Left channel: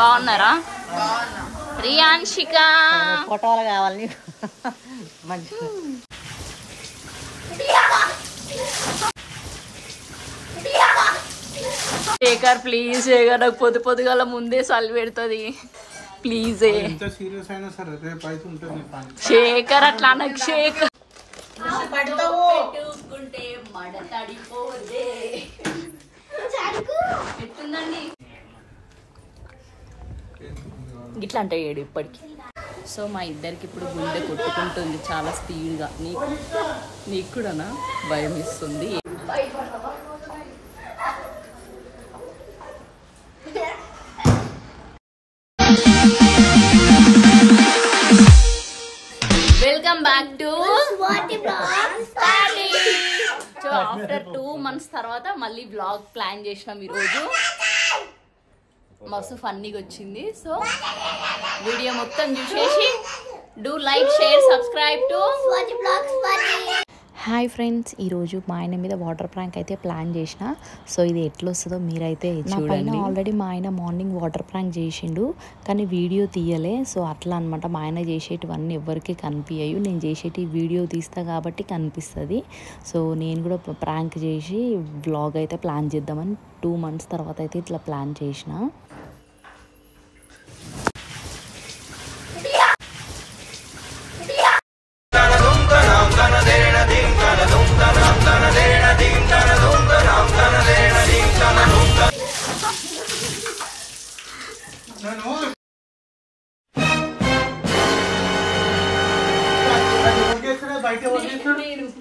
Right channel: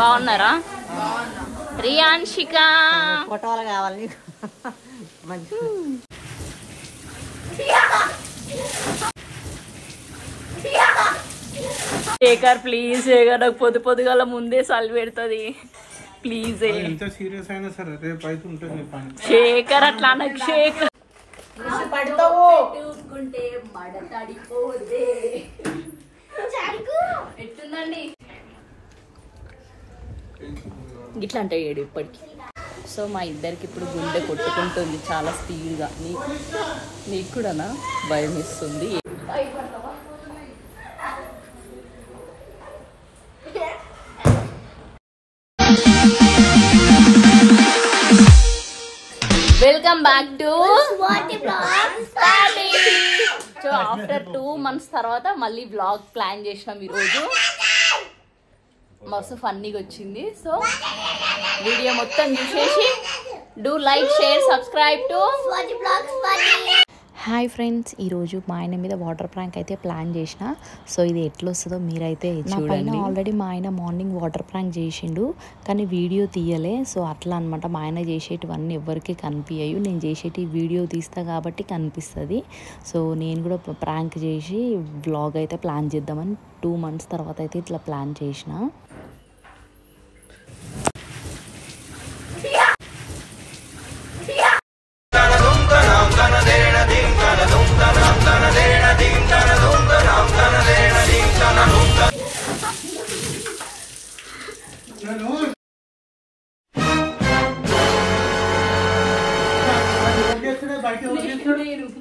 బాగున్నారా? రియాన్షిక ఫోటోలు కావాలి. శేఖర్ ప్లీజ్, శేఖర్ నాకు పొద్దుగల ముందే సల్లి పెడుతుంది ప్లీజ్. శేఖర్ అట్లా నాకు శేఖర్ పెట్టుకుంటే మడతడిపోదే. ఎట్లుందండి ఇట్లా అంటే ఏడు ఇప్పటికి. సో మా ఇద్దరికి ఇప్పుడు గుండె కొట్టుకుంటుంది చాలా స్పీడ్గా. నీకు కూడానా? భయం ఇస్తుంది. Welcome back to so after 2 months తర్వాత మళ్ళీ వ్లాగ్ ప్లాన్ చేసినాం ఈరోజు. మస్తు ఫన్నీగా వచ్చింది. సో వీడియో మొత్తం చూసేసి do like, share, subscribe to hi friends, ఈరోజు మా ఆయన మీద వాటర్ ప్రాంక్ అయితే ప్లాన్ చేసిన. సో ఇది ఎట్లా వస్తుందో మీరైతే చూడండి. ఆల్రెడీ మా ఆయన మార్నింగ్ వాటర్ ప్రాంక్ చేసిండు, కానీ వీడియో తీయలే. సో అట్లా అనమాట, మా ఆయన చేసేటివన్నీ ఎవరికి కనిపించవు. నేను చేసేటి వీడియో తీస్తా కాబట్టి కనిపిస్తుంది. సో నేను కూడా ప్రాంక్ చేసి వ్లాగ్ అయితే ప్లాన్ చేద్దామని 2 months తర్వాత అయితే ఇట్లా ప్లాన్ చేసిన.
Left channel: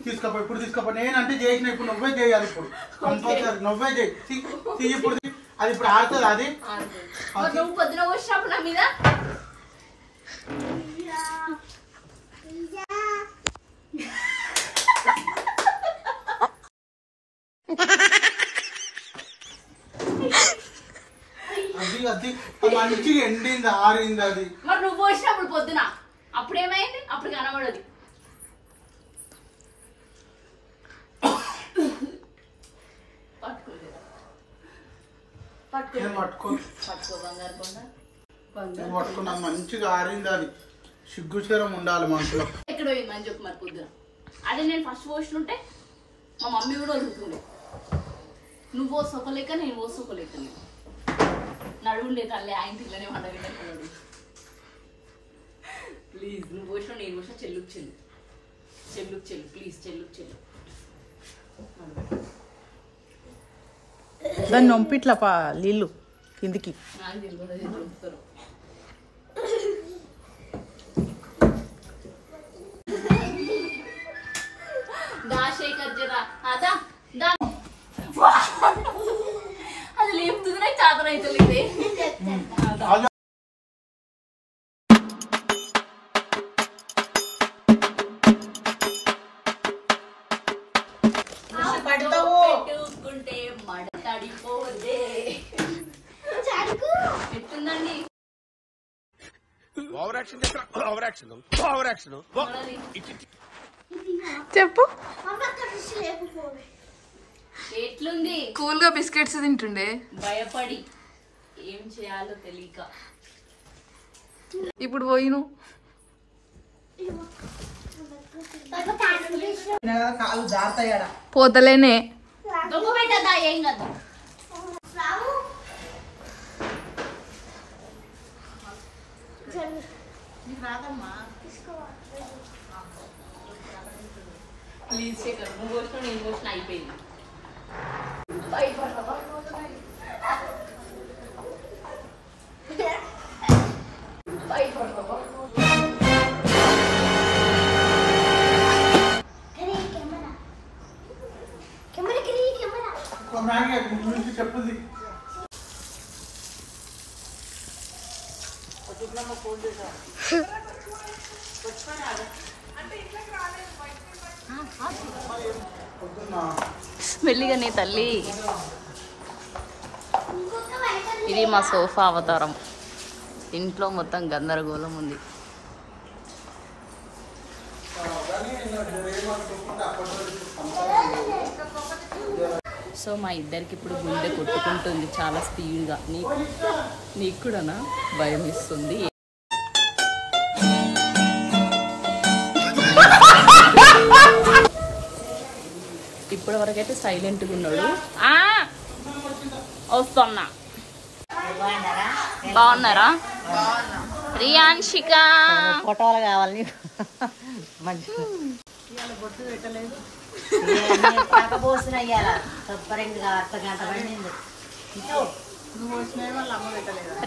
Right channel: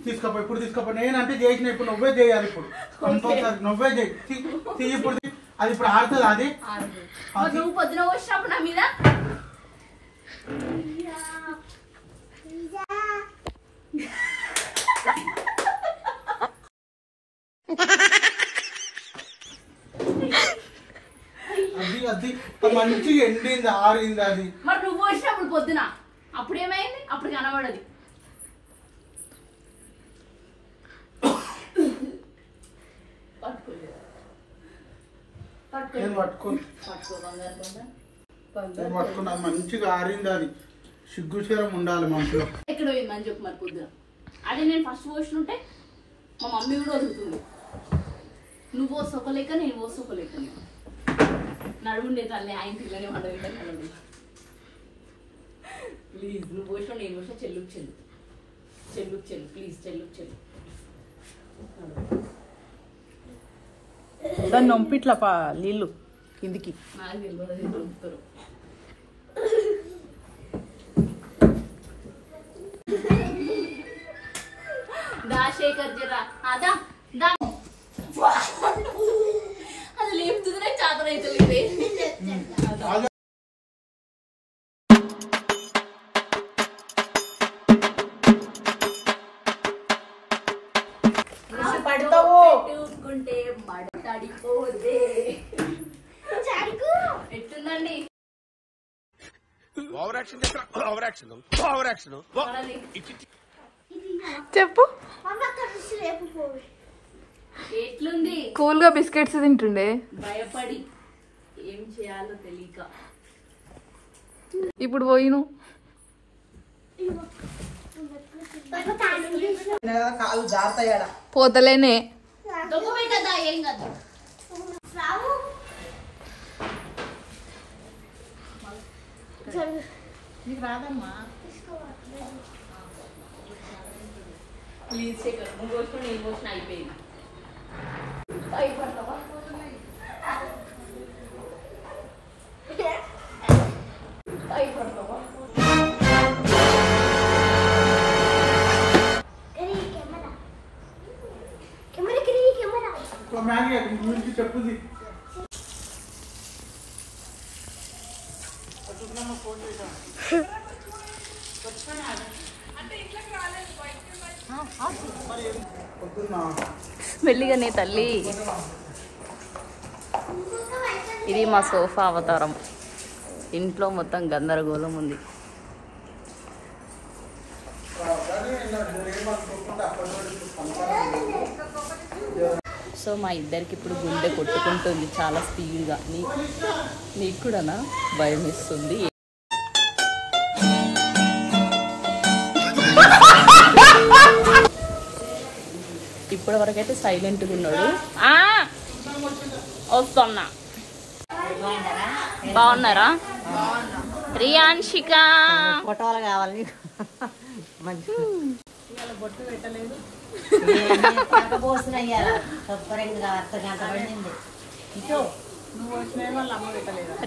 తీసుకోపో ఇప్పుడు తీసుకోపో. నేనంటే చేసిన, ఇప్పుడు నువ్వే చేయాలి. ఇప్పుడు కంపల్సరీ నువ్వే చేయి. ఇప్పుడు అది ఇప్పుడు ఆడుతుంది. అది నువ్వు పొద్దున వచ్చినప్పుడు నా మీద అది అది మంచి ఎండింది, ఆరింది. అది మరి నువ్వు వచ్చినప్పుడు పొద్దున అప్పుడు ఏమైంది? అప్పుడు కనబడదు. పట్టుకున్నా మంచిగా ఆరింది. అది సిగ్గుచరం ఉండాలి మనసులో. ఎక్కడ పోయిందని చెప్పు మరి పొద్దున. అదే నేను ఫస్ట్ పోసినుంటే మా మమ్మీ కూడా వదులుతుంది. నువ్వు పోసుకోలేక నేను పోసుకోలేక. నేను నడువుండే తల్లి ఆయన పిల్లని వండవిడ. ప్లీజ్ నువ్వు పోసిన నేను పోసిన చెల్లుకు చెల్లు, చెల్లుకు చెల్లు, ప్లీజ్ చెల్లుకు చెల్లు. దాన్ని నొంపిట్లా నీళ్ళు కిందికి. నాకు తెలియదు. శేఖర్ జరా అదా అది లేపుతుంది. నాకు చాతన అవుతుంది. పెట్టుకుంటే మడతడిపోదే. ఎట్లుందండి? చెప్పు. ఎట్లుంది? కూల్ గా బిస్కెట్స్ తింటుండే, భయపడి ఏం చేయాలో తెలియక. ఇప్పుడు పోయిను. పోతలేనే. దొంగ పెట్టదా ఏం కాదు. నీకు రాదమ్మా. ప్లీజ్ శేఖర్, నువ్వు వచ్చిన నేను వచ్చిన అయిపోయింది. చెప్పుంది. మెల్లిగానే తల్లి. ఇది మా సోఫా అవతారం. ఇంట్లో మొత్తం గందరగోళం ఉంది. సో సో మా ఇద్దరికి ఇప్పుడు గుండె కొట్టుకుంటుంది చాలా స్పీడ్గా. నీకు కూడానా? భయం ఇస్తుంది. ఇప్పటి వరకు అయితే సైలెంట్గా ఉన్నాడు. వస్తున్నా. బాగున్నారా? రియాన్షిక ఫోటోలు కావాలి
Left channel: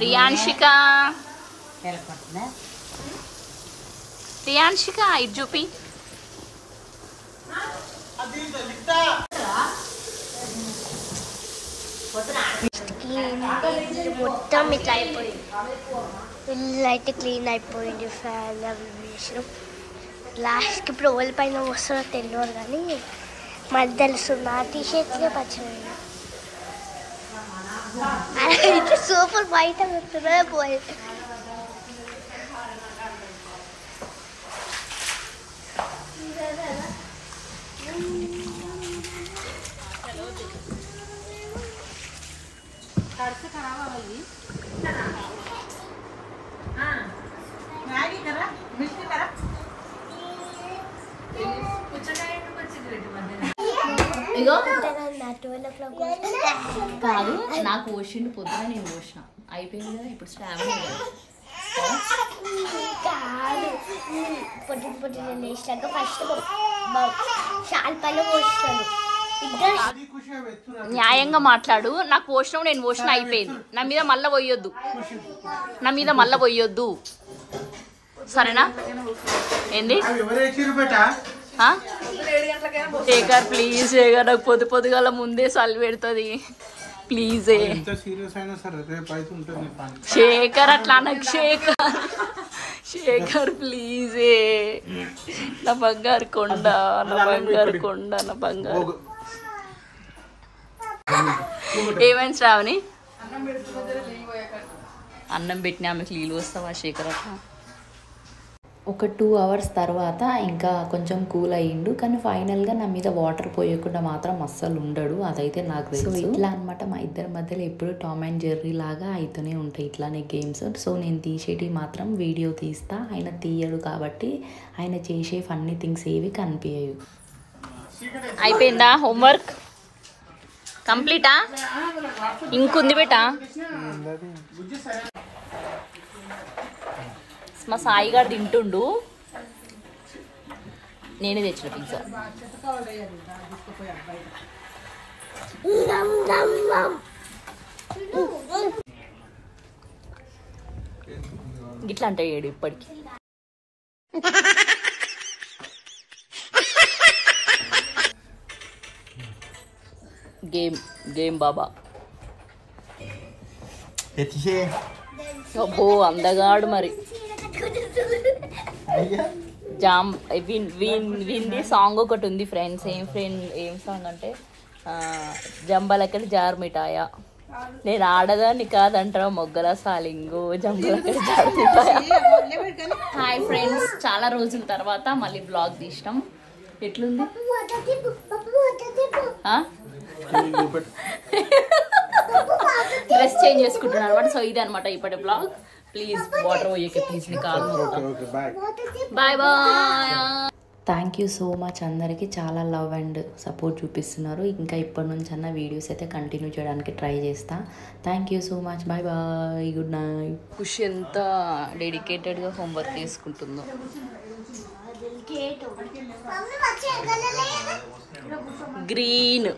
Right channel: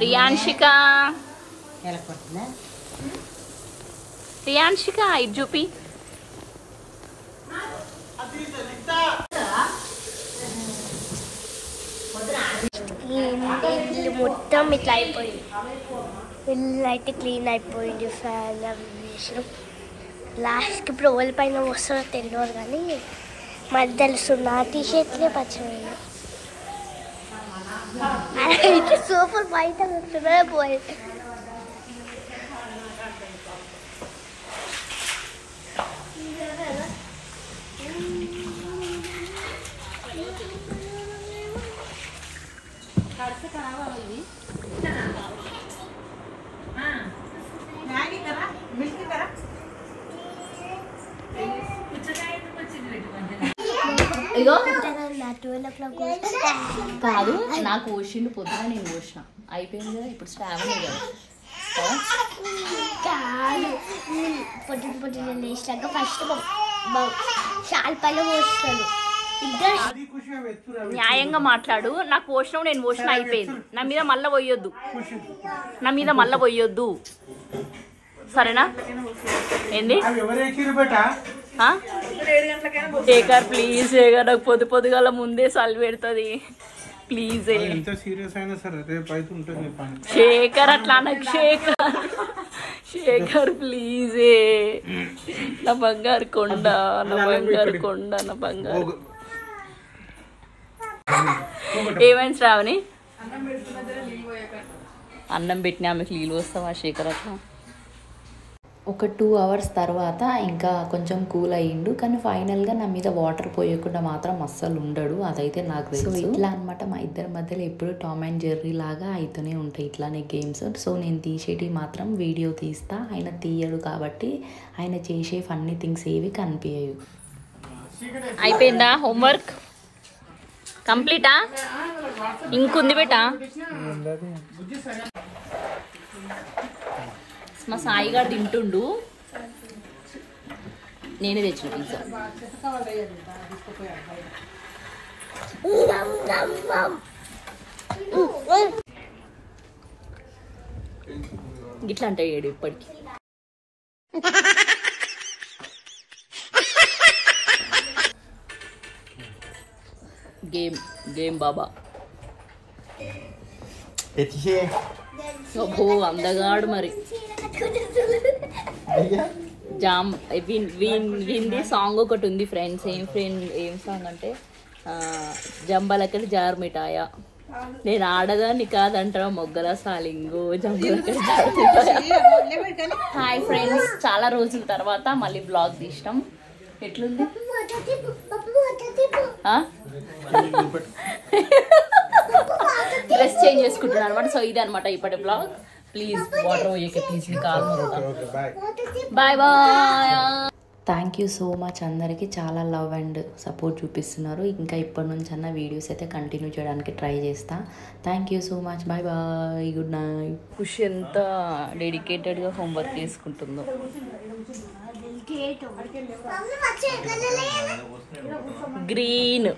రియాన్షిక రియాన్షిక ఇటు చూపి. ఇల్లు మొత్తం ఇట్లా అయిపోయింది. ఇల్లు అయితే క్లీన్ అయిపోయింది. ఫ్యాన్ అవి వేసాం. లాస్ట్కి ఇప్పుడు ఓవెల్ పైన వస్తుందో తెలియదు కానీ మాది తెలుస్తుంది. ఆ టీషర్ట్లే పచ్చిపోయింది. అయితే సూపర్ బయట పెడుతున్నా పోయి ఇగో కాదు, నాకు పోసిండు పొద్దున, నేను పోసిన అయిపోయింది కదా. ఇప్పుడు శ్రావణే కదా. పొద్దున పొద్దున లేచాక ఫస్ట్ శాల్పాలు పోస్తాడు. న్యాయంగా మాట్లాడు. నాకు పోసినావు, నేను పోసిన అయిపోయింది. నా మీద మళ్ళా పోయొద్దు. సరేనా? ఏంది శేఖర్ ప్లీజ్, శేఖర్ నాకు పొద్దుగాల ముందే సల్లి పెడుతుంది ప్లీజ్. శేఖర్ అట్లా నాకు శేఖర్ ప్లీజ్. నా బంగారు కొండ, నా బంగారు కొండ, నా బంగారు. ఏమైంది శ్రావణి? అన్నం పెట్టినా ఆమెకు నీళ్ళు వస్తావా శేఖర్? అట్లా ఒక 2 hours తర్వాత ఇంకా కొంచెం కూల్ అయ్యిండు. కానీ ఫైనల్గా నా మీద వాటర్ పోయకుండా మాత్రం అస్సలు ఉండడు, అదైతే నాకు తెలుసు. సో ఇట్లా అనమాట మా ఇద్దరి మధ్యలో ఎప్పుడు టామ్ అండ్ జెర్రీ లాగా అయితేనే ఉంటాయి ఇట్లానే గేమ్స్. సో నేను తీసేటి మాత్రం వీడియో తీస్తా, ఆయన తీయడు కాబట్టి ఆయన చేసే ఫన్నీ థింగ్స్ ఏవి కనిపించవు. అయిపోయిందా హోంవర్క్? కంప్లీటా? ఇంకుంది బేటా. మా సాయిగా తింటుండు, నేనే తెచ్చిన పిజ్జా. గిట్లా అంటే ఏడు ఇప్పటికి. గేమ్ బాబా. అబ్బో అందగాడు మరి. వింది సాంగ్ ఒకటి ఉంది ఫ్రెండ్స్. ఏం సాంగ్ అంటే జంబలకడి జారు మిఠాయా, నేను ఆడదాన్ని కాదంటారా మొగ్గల సాలింగు, జంబలకడి జారు మిఠాయా. హాయ్ ఫ్రెండ్స్, చాలా రోజుల తర్వాత మళ్ళీ బ్లాగ్ తీసినాం. ఎట్లుంది? డ్రెస్ చేంజ్ చేసుకుంటున్నాను అనమాట. సో ఇది అనమాట ఇప్పటి బ్లాగ్. ప్లీజ్ వాటర్ పోయేకే ప్లీజ్, నీ కాల్ మొదట. Bye bye. Thank you so much అందరికీ, చాలా లవ్ అండ్ సపోర్ట్ చూపిస్తున్నారు. ఇంకా ఇప్పటి నుంచి అన్న వీడియోస్ అయితే కంటిన్యూ చేయడానికి ట్రై చేస్తా. Thank you so much. Bye bye, good night. Khushi ఎంత డెడికేటెడ్గా హోంవర్క్ చేసుకుంటుందో. గ్రీన్